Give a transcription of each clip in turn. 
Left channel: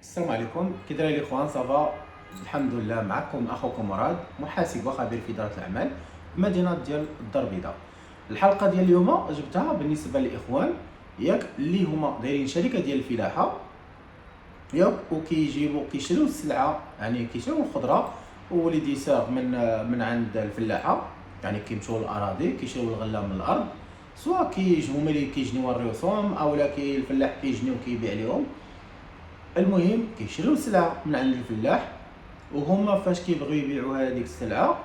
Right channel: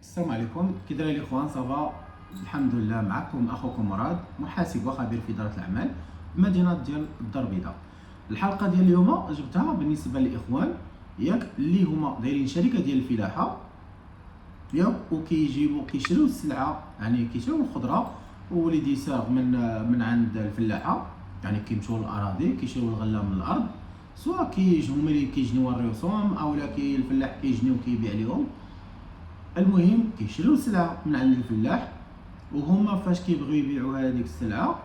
السلام عليكم، كي دايرين الاخوان؟ صافا الحمد لله. معكم اخوكم مراد، محاسب وخبير في اداره الاعمال بمدينه ديال الدار البيضاء. الحلقه ديال اليوم جبتها بالنسبه للاخوان ياك اللي هما دايرين شركه ديال الفلاحه ياك، وكيجيبوا كيشريو السلعه، يعني كيشريو الخضره وليدي ساغ من عند الفلاحه، يعني كيمشيو للاراضي كيشريو الغله من الارض، سواء كيجيو هما اللي كيجنيو الرسوم اولا الفلاح كيجني وكيبيع لهم. المهم كيشريو السلعه من عند الفلاح، وهما فاش كيبغيو يبيعوا هذيك السلعه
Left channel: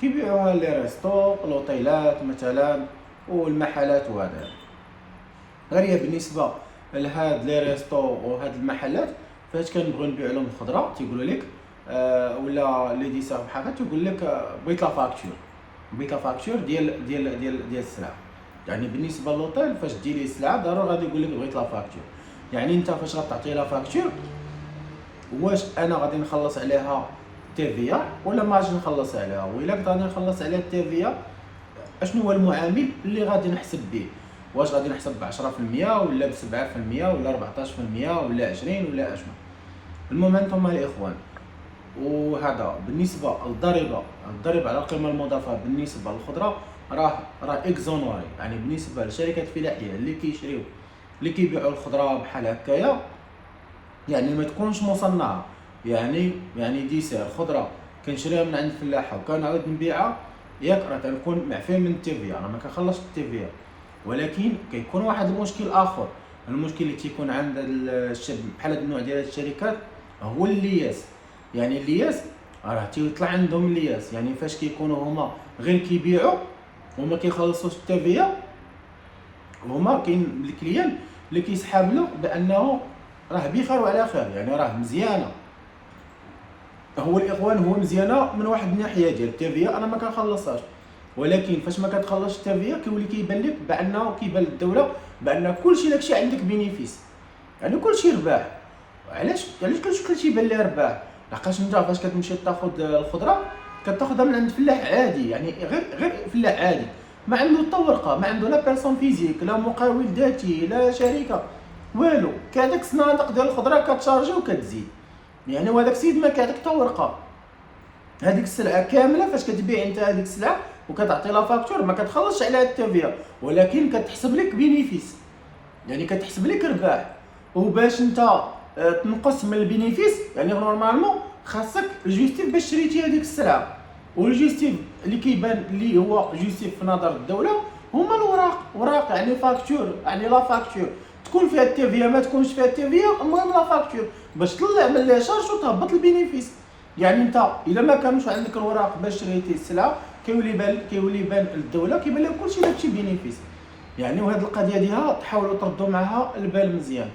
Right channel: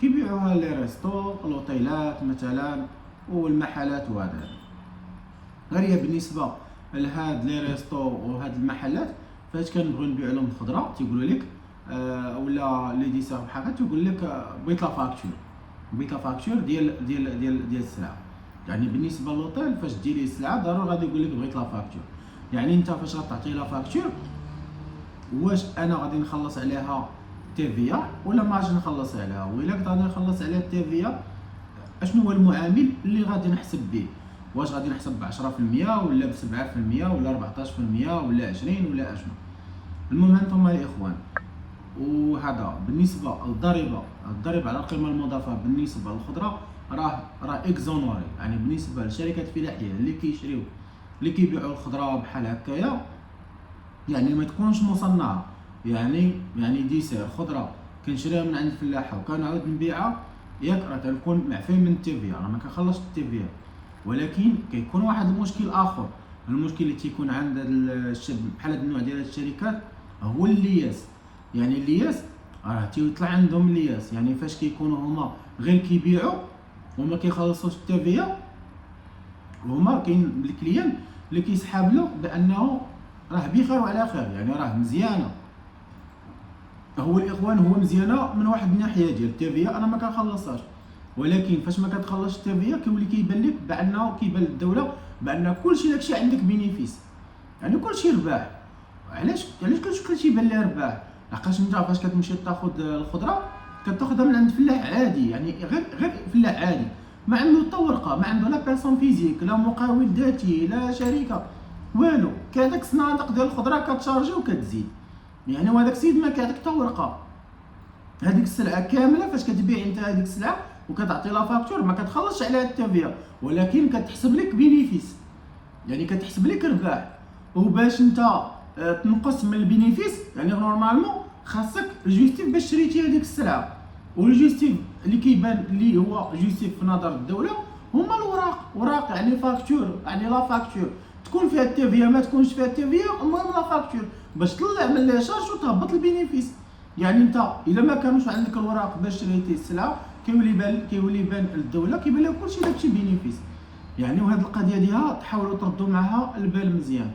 كيبيعوها لي ريستو الاوتيلات مثلا والمحلات. وهذا غير هي بالنسبه لهاد لي ريستو وهاد المحلات، فاش كنبغيو نبيعوا لهم الخضره تيقولوا لك ولا لي ديسا بحال هكا تيقول لك بغيت لا فاكتور، بغيت لا فاكتور ديال السلعه. يعني بالنسبه للوطيل فاش تجي ليه السلعه ضروري غادي يقول لك بغيت لا فاكتور. يعني انت فاش غتعطي لا فاكتور، واش انا غادي نخلص عليها تيفيا ولا ما غاديش نخلص عليها؟ وإلا كنت غادي نخلص عليها التيفيا، اشنو هو المعامل اللي غادي نحسب به؟ واش غادي نحسب ب 10% ولا ب 7% ولا 14% ولا 20 ولا اشنو؟ المهم انتم الاخوان، وهذا بالنسبه للضريبه على القيمه المضافه بالنسبه للخضره راه اكزونوري. يعني بالنسبه للشركات الفلاحيه اللي كيبيعوا الخضره بحال هكايا، يعني ما تكونش مصنعه. يعني ديسير خضره كنشريها من عند الفلاحه وكنعاود نبيعها ياك، راه تنكون معفي من التيفيا، انا ما كنخلصش التيفيا. ولكن كيكون واحد المشكل اخر، المشكل اللي تيكون عند بحال هاد النوع ديال الشركات هو اللياس. يعني اللياس راه تيطلع عندهم اللياس، يعني فاش كيكونوا هما غير كيبيعوا وما كيخلصوش التيفيا، هما كاين الكليان اللي كيسحاب له بانه راه بخير وعلى خير، يعني راه مزيانه. هو الاخوان هو مزيانه من واحد الناحيه ديال التيفيا انا ما كنخلصهاش، ولكن فاش ما كتخلصش التيفيا كيولي كيبان لك بانه كيبان للدوله بان كلشي داكشي عندك بينيفيس، يعني كلشي رباح. علاش كلشي ليه رباح؟ لحقاش انت فاش كتمشي تاخذ الخضره كتاخذها من عند فلاح عادي، يعني غير فلاح عادي، ما عنده حتى ورقه، ما عنده لا بيرسون فيزيك لا مقاول ذاتي لا شركه والو، كهذاك الصنادق ديال الخضره كتشارجي وكتزيد. يعني وهذاك السيد ما كيعطيك حتى ورقه، هذيك السلعه كامله فاش كتبيع انت هذيك السلعه وكتعطي لا فاكتور ما كتخلصش عليها التيفيا، ولكن كتحسب لك بينيفيس، يعني كتحسب لك رباح. وباش انت تنقص من البينيفيس، يعني نورمالمون خاصك الجوستيف باش شريتي هذيك السلعه، والجوستيف اللي كيبان اللي هو جوستيف في نظر الدوله هما وراق يعني فاكتور، يعني لا فاكتور تكون فيها التيفيا ما تكونش فيها التيفيا، المهم لا فاكتور باش تطلع من لي شارج وتهبط البينيفيس. يعني انت الا ما كانوش عندك الوراق باش شريتي السلعه كيولي يبان للدوله كيبان لها كلشي داكشي بينيفيس. يعني وهاد القضيه ديالها تحاولوا تردوا معها البال مزيان.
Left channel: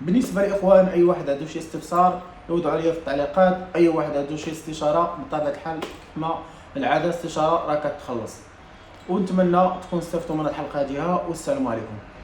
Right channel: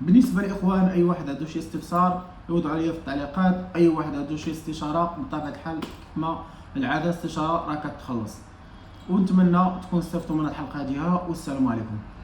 بالنسبه لاخوان اي واحد عنده شي استفسار يوضعوا عليا في التعليقات، اي واحد عنده شي استشاره بطبيعه الحال كما العاده استشاره راه كتخلص. ونتمنى تكونوا استفدتوا من الحلقه ديالها، والسلام عليكم.